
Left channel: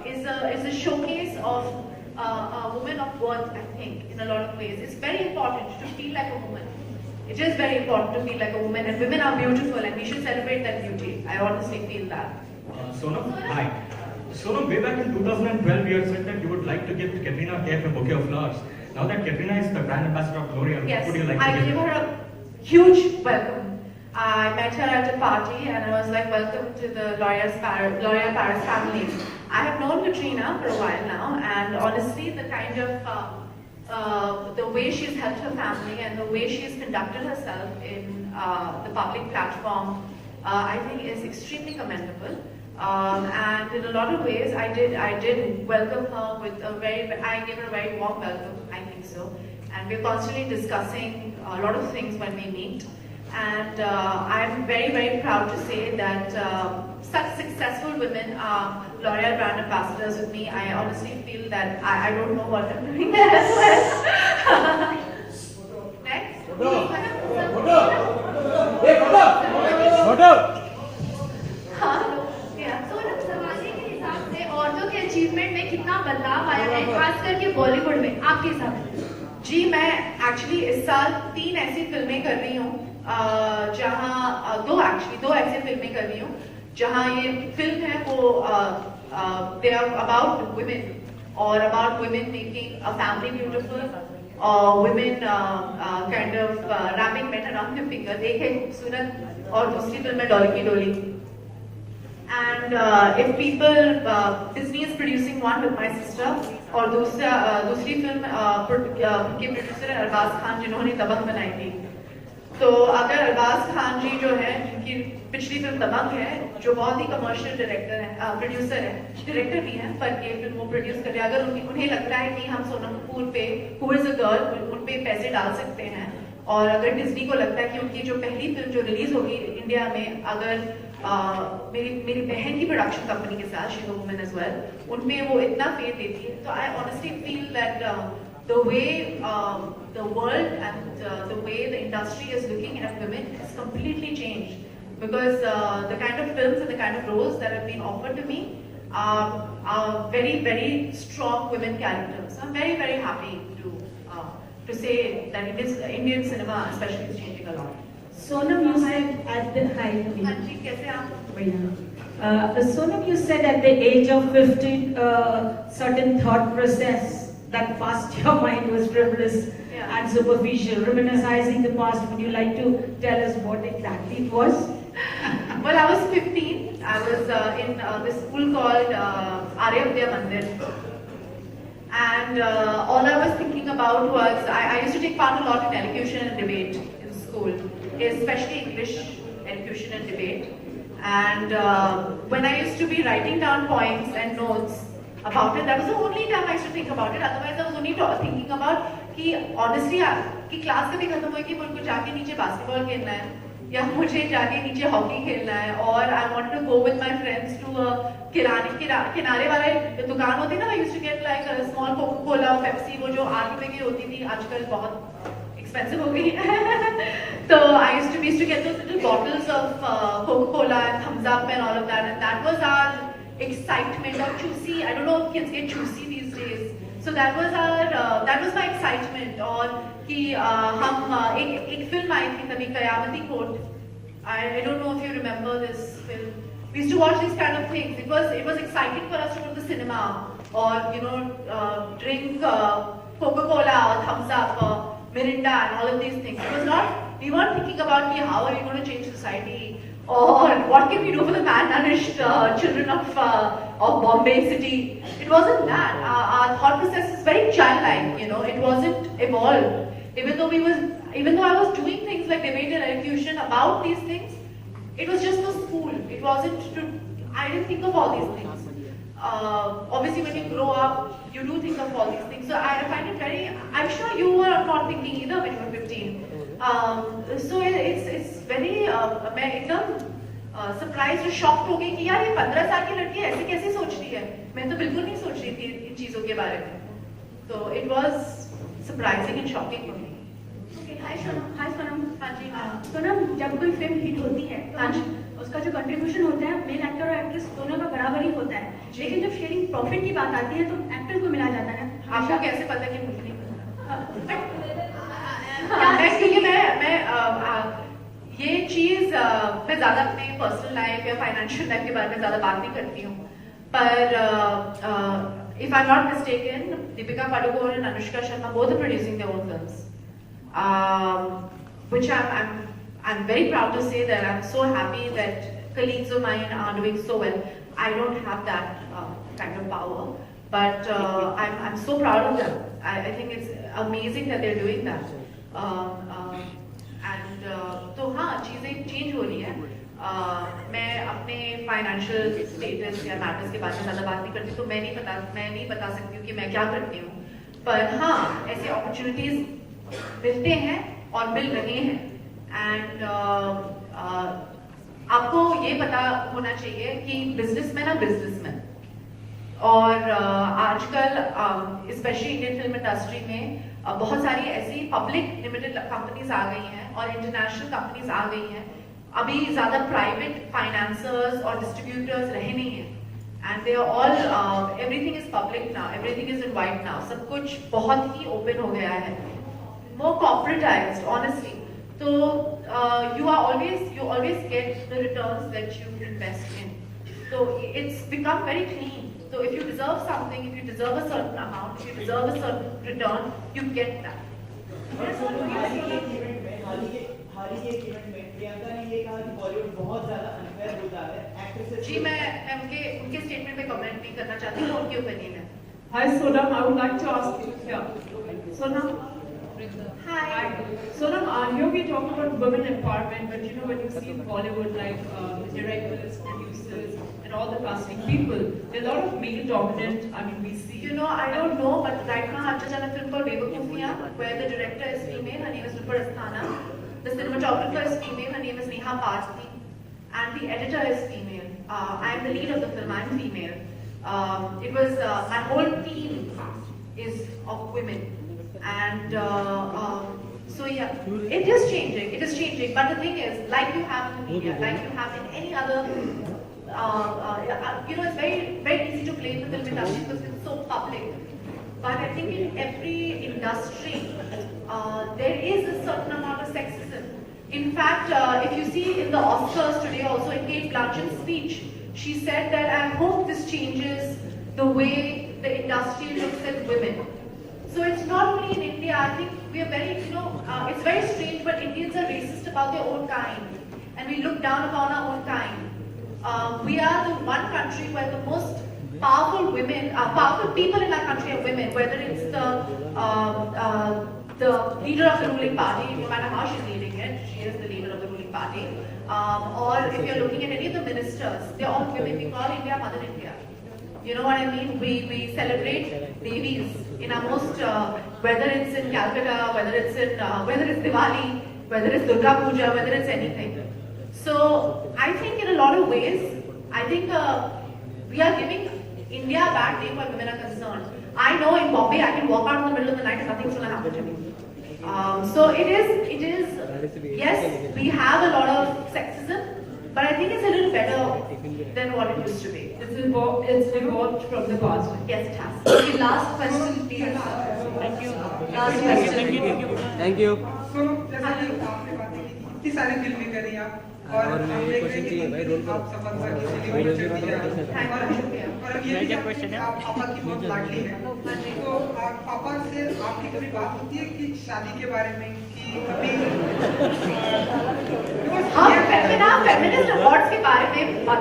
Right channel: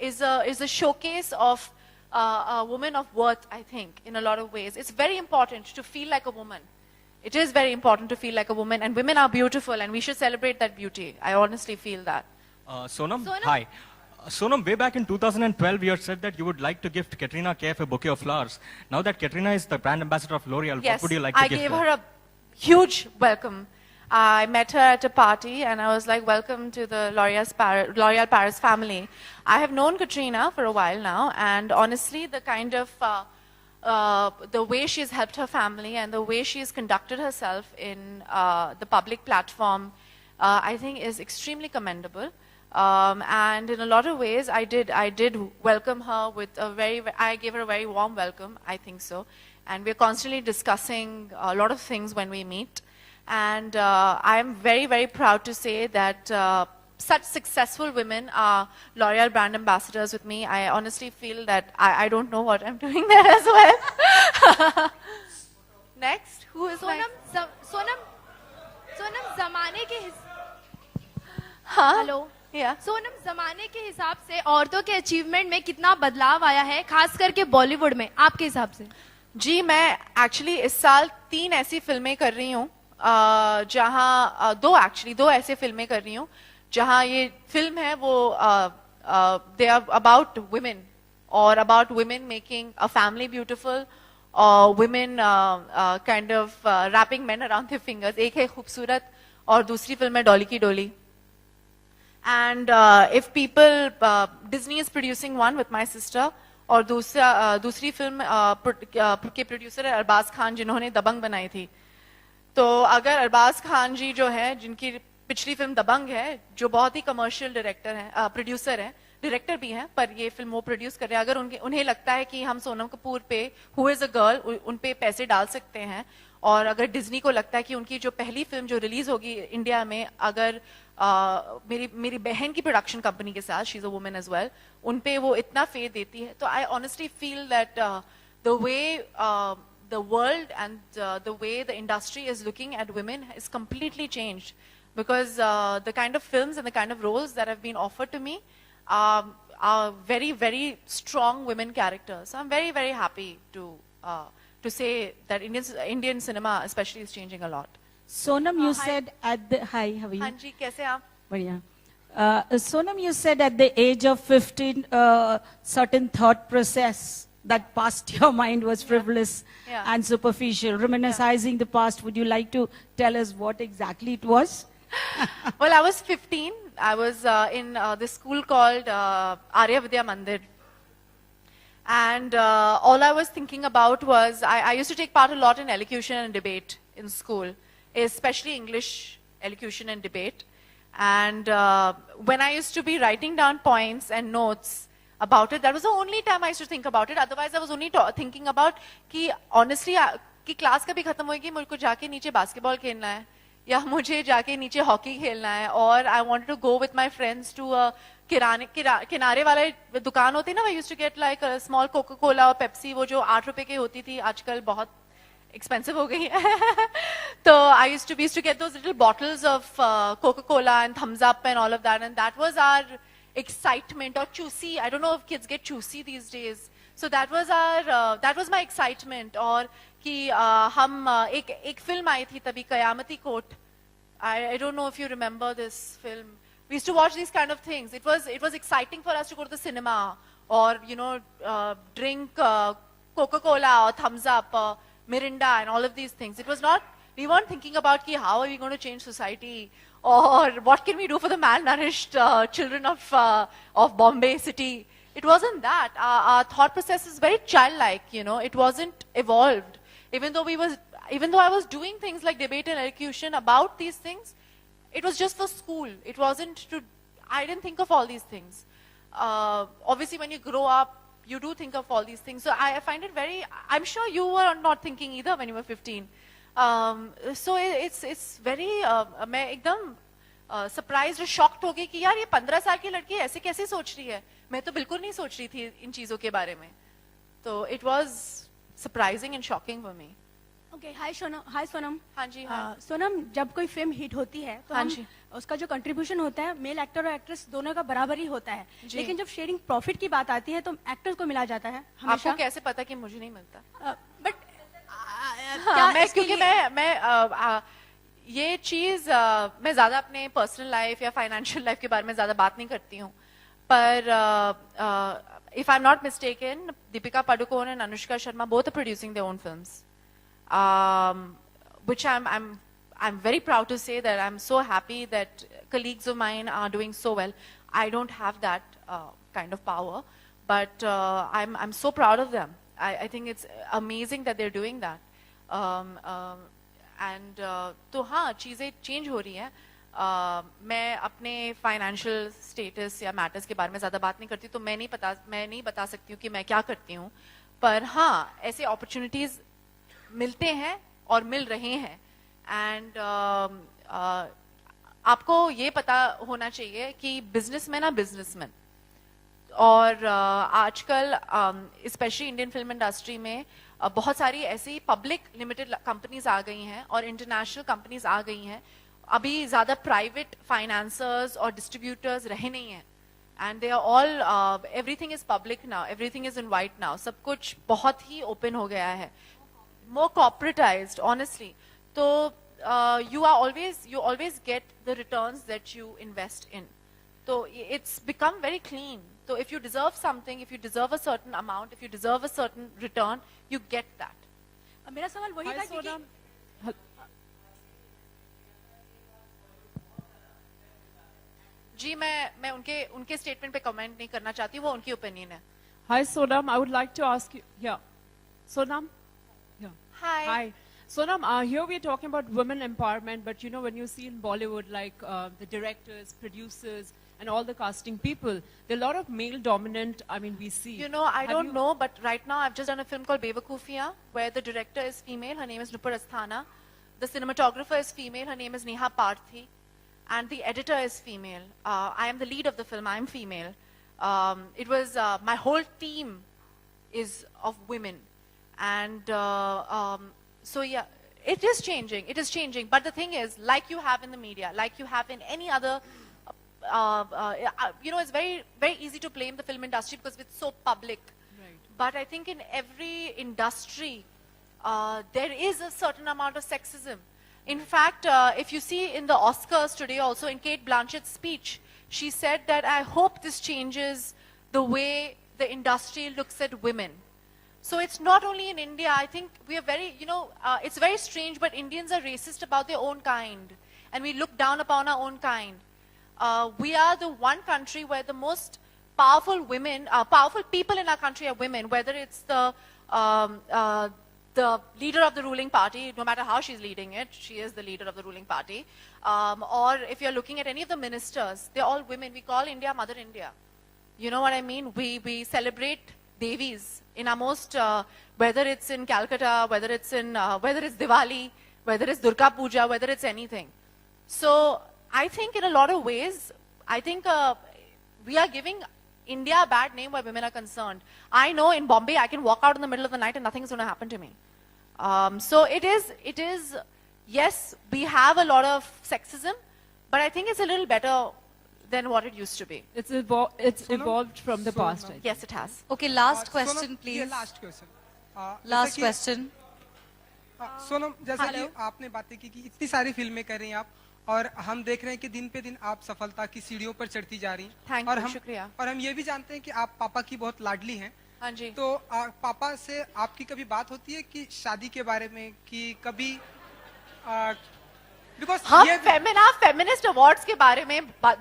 is a showcase of a woman of worth, I think, in a lot of ways. It's very important to feel like a woman. It is very important to feel like a woman, and women are beautiful, and we should celebrate that beauty. I honestly feel that. Sonam, hi. Sonam, way back in 2012, you had said that you would like to gift Katrina Kaif a bouquet of flowers. Now that Katrina is the brand ambassador of L'Oreal, Yes, what would you like to I give gave her a huge welcome. I met her at a party and I was like, welcome to the L'Oréal Paris family. I have known Katrina for a while now, and honestly the kind of the way she's helped her family and the way she's conducted herself in the public platform, I think is extremely commendable. And in a lot of ways I did welcome her with I gave her a very warm welcome, I think so. And we're constantly discussing a lot of things when we meet. And I'm very, very proud to say that such successful women are L'Oreal brand ambassadors with me. I honestly feel that I don't know what I'm doing there as well. Next. Huh? Yeah. Sonam, ज़माने के हिसाब से औरतों के achievement में कितना बदलाव आया है, खास करके बॉलीवुड में, आपके हिसाब से? जी, मैं एक्चुअली इस साल 3 ऐसी फिल्में कर रही हूँ जहाँ दो ऐसी फिल्में कर रही हूँ जहाँ ये फिल्म है वो दे आर अबाउट वुमेन और about women making a family beautiful और women kind of wrapping men around their fingers. एक है खूबसूरत और दूसरी फिल्म है डॉली की डोली. And if people, Disney is producing one with my sister, और दूसरी फिल्म के प्रोड्यूसर है अरबाज खान जिन्होंने दबंग बनाई थी. तो अगर अरबाज खान जी जो है जिनकी पिछली फिल्म दबंग है, जो बहुत ही कमर्शियल डायरेक्टर है, प्रोड्यूसर है, डायरेक्टर भी हैं पर ये फिल्म वो प्रोड्यूस कर रहे हैं. अगर उन्हें लगता है कि हम सोनम कपूर पे हु इज़ अ गर्ल उन पे पैसे डाल सकते हैं, और अगर डिज्नी को लगता है कि उनकी जो पहली फिल्म जो रिलीज होगी इंडिया में, अगर मेरी बहन की प्रोडक्शन कंपनी के साथ, she is a woman as well, उन पे वो इतना फेथ देती है, तो I honestly feel that the way the world and the way the industry is looking at women has completely changed, because the kind of films and the kind of roles that have been offered to me are very, very strong women characters. I'm very, very happy to say that Indian cinema especially is changing a lot. Sonam, you said at the hi. हाँ जी, कैसे आप? Sonam, you said at the age of 15, certain thought process that passed your mind was frivolous and superficial, reminiscing the past. Would you like to tell us what exactly it was? Well, I was 15. I was in this school called Arya Vidya Mandir. And all I was thinking about was, I used to take part a lot in elocution and debate in school, especially English elocution and debate. And when I used to be writing down points and notes, about it. That was the only time I used to think about it. Otherwise, I was only thinking about कि honestly कि class कभी खत्म हुई कि मुझे को जाके नीचे बास्केटबॉल खेलना है या मुझे जाके नीचे हॉकी खेलना है और I want to go with my friends to किनारे वाले दुकान होती ना. I used to get like a small Coca-Cola, Pepsi, वो जो 8 रुपए की होती थी, आजकल बहुत expensive हो गई है. So I used to get those little bottles of Coca-Cola and Thumbs Up and all of that, and that was our excitement. Or juicy, I don't know if kids get juicy these days. So that was my excitement. और कि हम एक film आई थी तभी कयामती court. I don't know if you remember this film. We used to watch these kind of things. It was exciting for us to go to the cinema or drink Coca-Cola or Thumbs Up or Mirinda and all of these things. It was not. We weren't thinking about how are we going to change society or what can we do for the malnourished children of Bombay city. It wasn't that. Our thought process is very childlike. It wasn't evolved. Even though I was doing things like debate and elocution about these things, it was just for school. It wasn't I didn't think of all these things. Obviously, when you grow up, you do think of all these things. So I find it very. I'm sure you were not thinking either when you were 15. So it's very. मैं एकदम surprised और shocked हो गई कि यार ये 15 साल की लड़की ऐसे कैसे सोच रही है. मैं तो बिल्कुल नहीं सोच रही थी इन चीजों के बारे में. So it was surprising and shocking for me. हाय सोनम. हाँ जी. सोनम, जब कोई फिल्म हिट होती है तो उसका जो कंट्रीब्यूशन होता है मेल एक्टर और एक्ट्रेस दोनों का बराबर ही होता है. लेकिन जब शेयरिंग प्रॉफिट की बात आती है तो एक्टर को मिला जाता है. आपको कैसे पता कि मुझे नहीं पता? एक्चुअली मैं ये चीज़ मैं ज़्यादा अपने पर्सनल लाइफ या फाइनेंशियल लाइफ के बारे में ज़्यादा बात नहीं करती हूँ. पर if I'm not mistaken, Deepika Padukone and Anushka Sharma both are producing their own films. Which I'm very proud to say that I'm so happy that colleagues of mine are doing so well. I don't have that kind of power, but I'm so proud of them. I think it's amazing that they're doing that. तो हाँ चीज़ें change हो रही हैं. मैं अपने financial status या matters के बारे में ज़्यादा बात नहीं करती, तो मैं नहीं बता सकती हूँ कि मैं क्या करती हूँ. पर हाँ ऐसे अपॉर्चुनिटीज़ मिलते हैं और मिल रहे हैं. एंड आपको ये पता होना चाहिए कि बिजनेसमैन है बिजनेसमैन. और आजकल स्पेशली इंडियन फिल्म इंडस्ट्री में बहुत सारी ऐसी पब्लिक लिमिटेड कंपनीज आ गई हैं और इंटरनेशनल कंपनीज आ गई हैं. अभी ज़्यादा प्राइवेट फाइनेंसर्स और डिस्ट्रीब्यूटर्स रहे नहीं हैं. And they are all everything is public now, everything is in white now. सब कुछ बहुत ही ओपन हो गया है, more corporatized, honestly. So you always get the returns that you invest in. So it's become very clean. So if you deserve something, if you deserve a certain amount, if you deserve a certain return, you get that. जी मैं उनके statement पे comment नहीं करना चाहती हूँ. उनकी opinion है. Hi Sonam, I would like to ask you. Yeah, Sonam. Hi. Sonam, here we talk about women empowerment, but when you see in Bollywood, like the directors, producers, and all the casting people, there are a lot of male dominant. I mean, we see. I don't know, but right now I've just done a film called Bewakufiyan, where the director is female. Her name is Rupal Asthana. The cinematographer is female. Her name is Neha Parthi, and the editor is female. I am the lead of the film. I am female. It was my whole team is of women. And so yeah, it is changing. But the thing is, like you have in the media, like you have in any other, it's very, very easy to blame the film industry because it's so public. But I think in every industry, there is a certain amount of sexism. In fact, if you see in the Oscars today, also in Kate Blanchett's speech, she said that I hope this changes the way the industry looks at women. So it's not only in India. I think we are very, it's very strange, but Indians are racist about their own kind, and we look down upon our own kind. We are the one country where the most powerful people in our country are women. Whether it's the leader of the ruling party, no matter how she's leading it, she is the leader of the ruling party. Or if you're looking at any of the ministers, they're all women. We call India Mother India. You know what I mean? We celebrate Devis in our most, whether it's in Calcutta, whether it's Diwali, whether it's Durga Puja, whether it's anything. So I think in a lot of ways, I think we are giving India a bad name where women are concerned. I know in Bombay I can walk out in the middle of the night and nothing's going to happen to me. So it is, yes, we have a lot of sexism, but I think it's a little better than what it used to be. It's evolved from the past. Yes, it has. Okay, last question, please. Thank you. Last question. Thank you. So, जैसा कि आपने बात की इतनी सारी फिल्में कर रही आप और हम देख रहे हैं कि दिन दिन आप सफलता की सीढ़ी ऊपर चढ़ती जा रही है और हम ये भी जानते हैं कि आप पापा की बहुत लाडली हैं। तो पापा से आपकी कभी बात होती है कि शादी के बारे में कि कभी हम फेमिनिस्ट अवार्ड्स के बारे में बात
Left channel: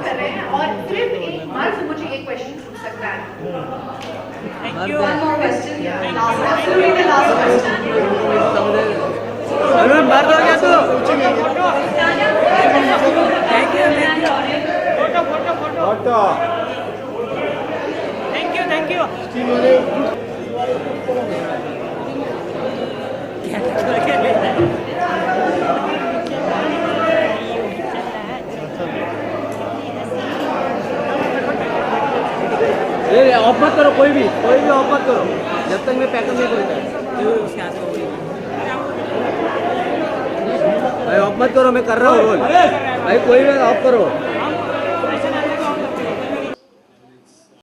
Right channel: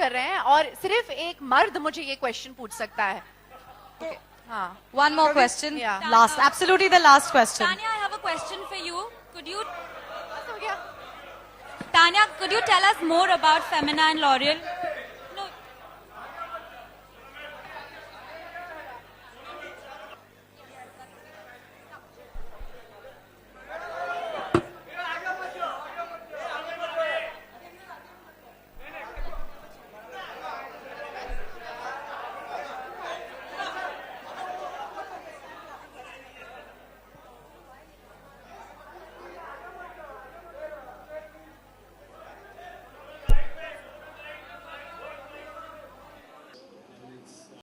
कर रहे हैं और सिर्फ एक मर्द मुझे ये क्वेश्चन पूछ सकता है। One more question. Last, absolutely the last question. Arun बात हो गया तो Tanya, could you tell us more about Femina and L'Oreal? Photo Thank you. ये ऑफ मत करो कोई भी ऑफ मत करो जब तक मैं पैकअप नहीं करूँगा भाई ऑफ मत करो मैं कर रहा हूँ रोल भाई कोई भी ऑफ करो